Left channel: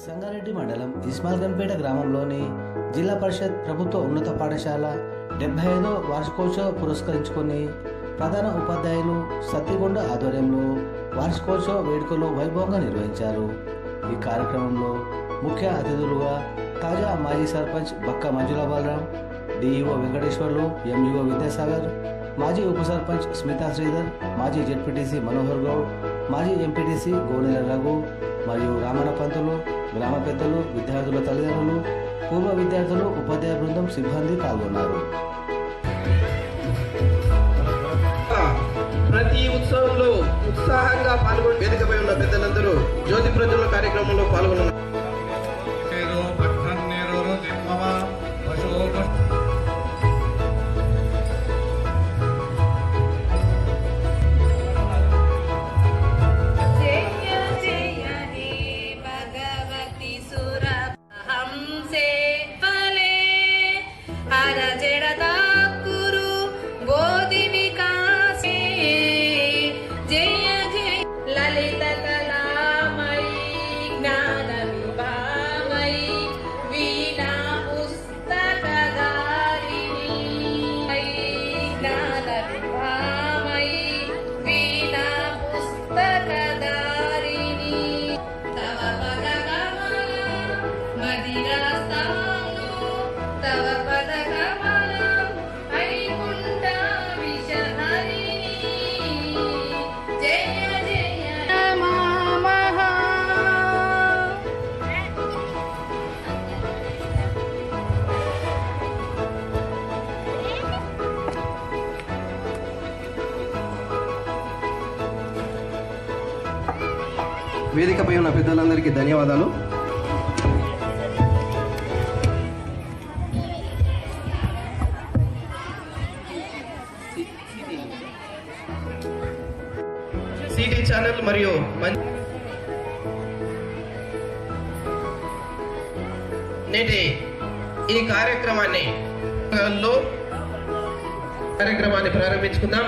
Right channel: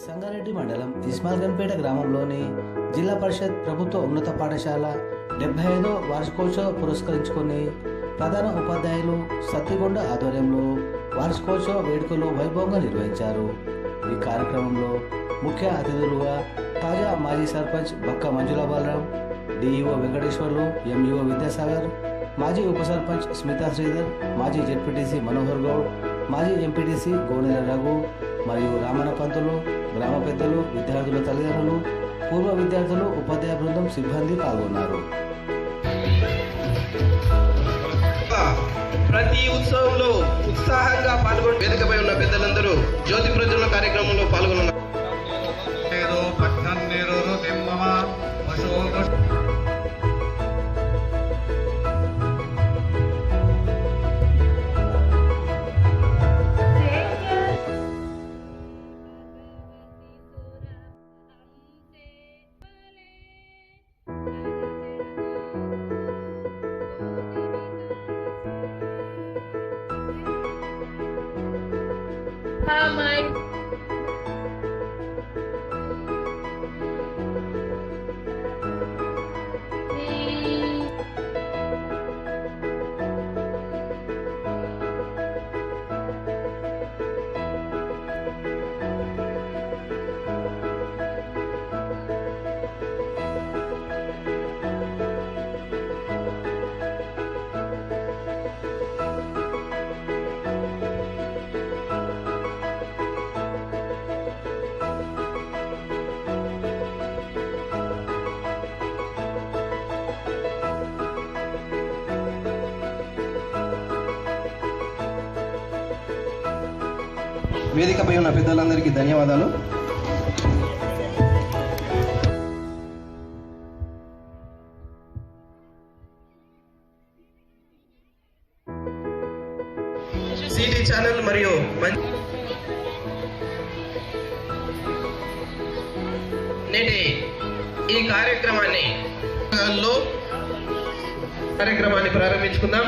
సంగారెడ్డి మండలం ఇస్మాల్గన్పేట గ్రామంలోని జిల్లా పరిషత్ ప్రభుత్వ ఉన్నత పాఠశాల డెబ్బై ఐదో వార్షికోత్సవ పురస్కరించుకొని ప్రధాన ఉపాధ్యాయులు సత్తిగొండ ఆధ్వర్యంలో వార్షికోత్సవ వేడుకలు వైభవంగా నిర్వహించారు. ఈ కార్యక్రమంలో ముఖ్య అతిథులుగా తాజా మాజీ సర్పంచ్ బక్క మంజుల బాలరాం డిఈఓ వెంకటేశ్వర్లు ఎంఈఓ విద్యాసాగర్ మాజీ ఉప సర్పంచ్ స్మితా శ్రీధర్ మాజీ జెడ్పీటీసీ మనోహర్ గౌడ్ మాజీ ఎంపీటీసీ గోనెల రఘు మరియు రామణ పంతులు గ్రామ పెద్దలు విద్యార్థుల తల్లిదండ్రులు పూర్వ విద్యార్థులు ఉపాధ్యాయ బృందం సిబ్బంది పాల్గొన్నారు. ప్రతి ఉత్సవంలో ఉత్సాహంగా పాల్గొని వేదికపై ఉన్న పెద్దలందరూ జ్యోతి ప్రజల కార్యక్రమంలో పాల్గొన్నారు వేదికపై ఉన్న పెద్దలందరికీ ధన్యవాదాలు. సిటీ ఛానల్ మరియు నేటి ఈ కార్యక్రమాన్ని కార్యక్రమాన్ని ప్రారంభించుకుందాం.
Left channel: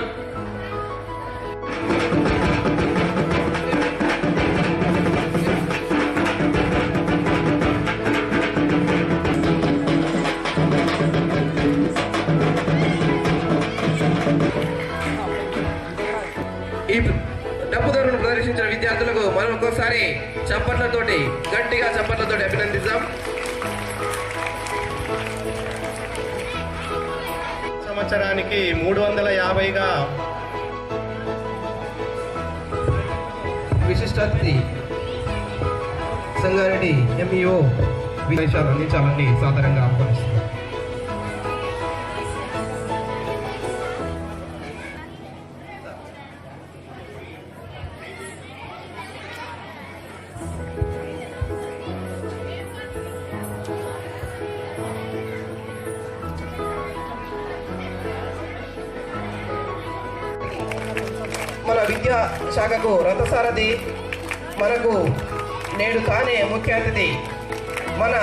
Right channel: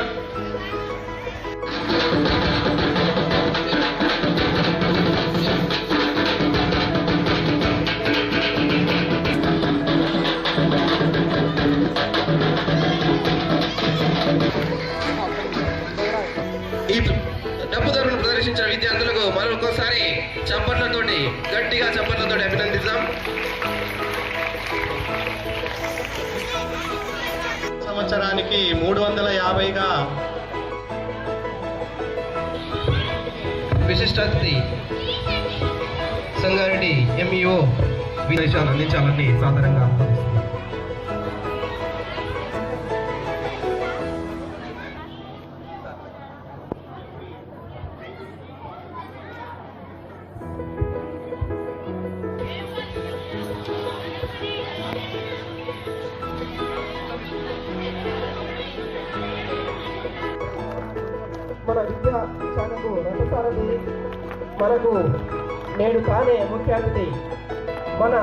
సంవత్సరానికి మూడు వందల యాభైగా విశిష్ట సంగారెడ్డి ఎంఈఓ విదేశాలు అందించాలని సాధారణంగా ఆహ్వానిస్తున్నారు విద్యా శాఖకు రథసారథి మనకు నేడు కానే ముఖ్య అతిథి. మన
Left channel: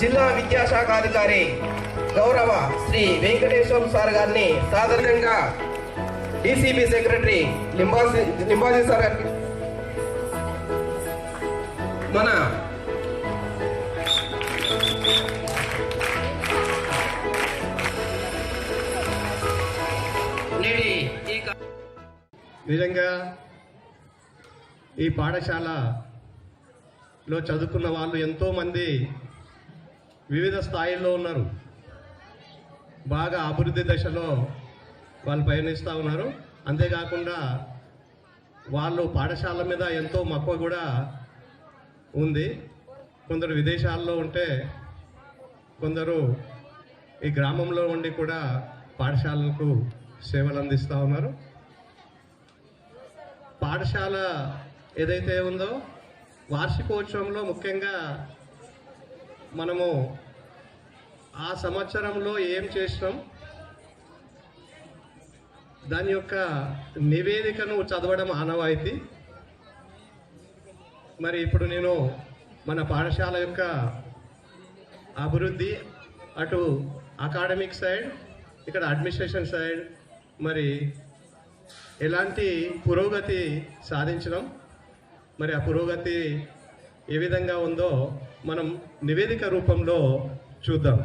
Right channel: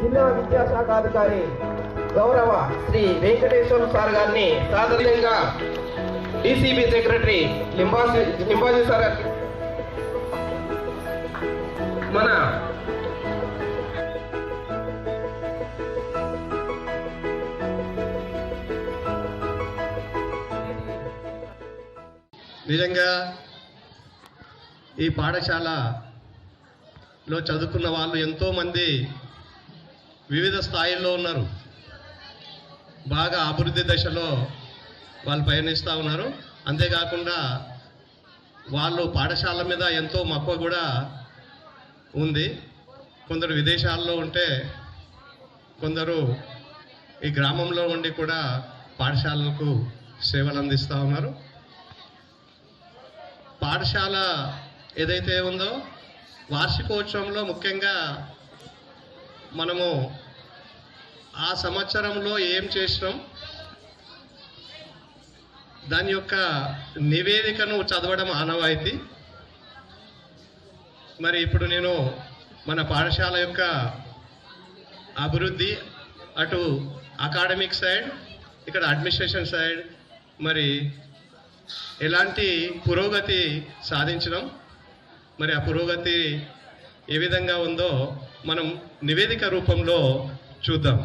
జిల్లా విద్యాశాఖ అధికారి గౌరవ శ్రీ వెంకటేశ్వర సార్ గారిని సాధారణంగా DCB secretary Limbaji Limbaji sir మన నిజంగా ఈ పాఠశాలలో చదువుకున్న వాళ్ళు ఎంతోమంది వివిధ స్థాయిల్లో ఉన్నారు. బాగా అభివృద్ధి దశలో వాళ్ళు పయనిస్తూ ఉన్నారు. అంతేకాకుండా వాళ్ళు పాఠశాల మీద ఎంతో మక్కువ కూడా ఉంది. కొందరు విదేశాల్లో ఉంటే కొందరు ఈ గ్రామంలో ఉండి కూడా పాఠశాలలకు సేవలు అందిస్తూ ఉన్నారు. పాఠశాల ఏదైతే ఉందో వార్షికోత్సవంలో ముఖ్యంగా మనము ఆ సంవత్సరంలో ఏం చేసినాం? దాని యొక్క నివేదికను చదవడం ఆనవాయితీ. మరి ఇప్పుడు నేను మన పాఠశాల యొక్క అభివృద్ధి అటు అకాడమిక్ సైడ్ ఇక్కడ అడ్మినిస్ట్రేషన్ సైడ్ మరి ఎలాంటి పురోగతి సాధించడం? మరి ఆ పురోగతి ఏ విధంగా ఉందో మనం నివేదిక రూపంలో చూద్దాం.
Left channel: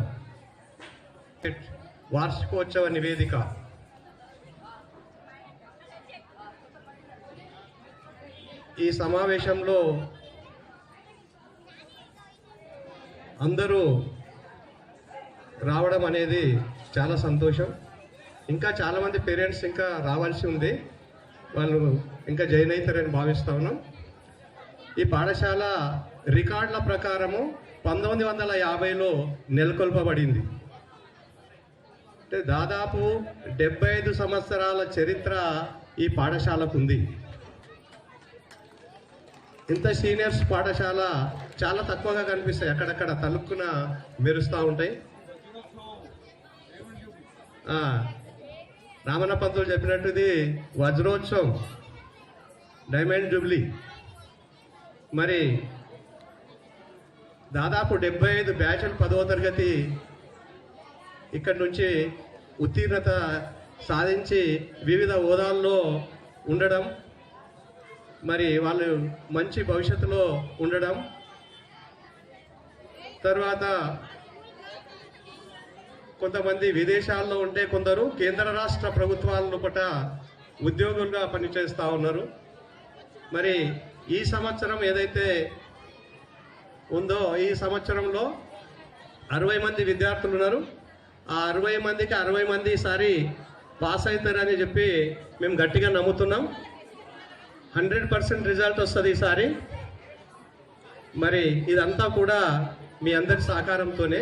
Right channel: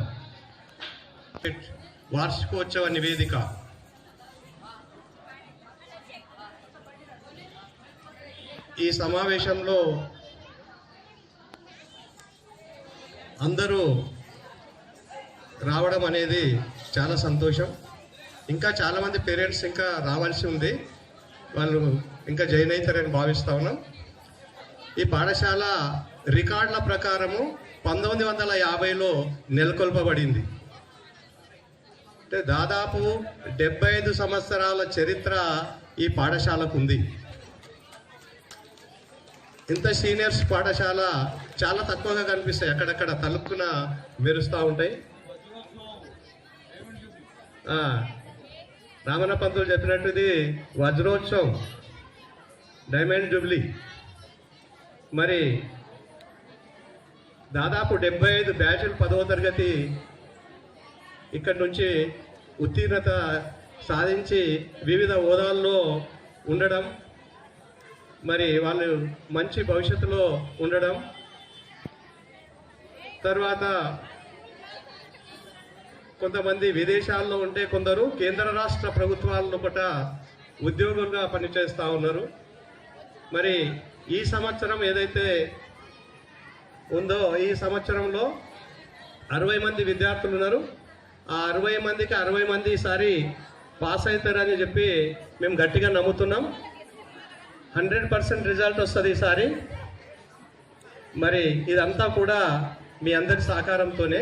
వార్షికోత్సవ నివేదిక. ఈ సమావేశంలో అందరూ రావడం అనేది చాలా సంతోషం. ఇంకా చాలామంది పేరెంట్స్ ఇంకా రావాల్సి ఉంది. వాళ్ళు ఇంకా జాయిన్ అవుతారని భావిస్తా ఉన్నాం. ఈ పాఠశాల రికార్డుల ప్రకారము పంతొమ్మిది వందల యాభైలో నెలకొల్పబడింది. అంటే దాదాపు డెబ్బై ఐదు సంవత్సరాల చరిత్ర ఈ పాఠశాలకు ఉంది. ఇంత సీనియర్స్ పాఠశాల చాలా తక్కువగా కనిపిస్తాయి. అక్కడక్కడ తలుపున మెరుస్తూ ఉంటాయి. రామన్న పంతులు చెప్పినట్టు ఇది వజ్రోత్సవం డైమండ్ జూబ్లీ. మరి దాదాపు డెబ్బై ఐదు బ్యాచ్లు పదవ తరగతి ఇక్కడి నుంచి ఉత్తీర్ణత సాధించి వివిధ హోదాల్లో ఉండడం మరి వాళ్ళు మంచి భవిష్యత్తులో ఉండడం తర్వాత కొంతమంది విదేశాల్లో ఉంటే కొందరు కేంద్ర రాష్ట్ర ప్రభుత్వాలను కూడా ఉద్యోగులుగా పనిచేస్తూ ఉన్నారు. మరి ఈ సంవత్సరం ఏదైతే ఉందో ఈ సంవత్సరంలో అరవై మంది విద్యార్థులు ఉన్నారు. ఆ అరవై మందికి అరవై మంది ఈసారి పాస్ అవుతారని చెప్పి మేము గట్టిగా నమ్ముతున్నాం. హండ్రెడ్ పర్సెంట్ రిజల్ట్ వస్తుంది ఈసారి మరి ఇదంతా కూడా మీ అందరి సహకారంతోనే.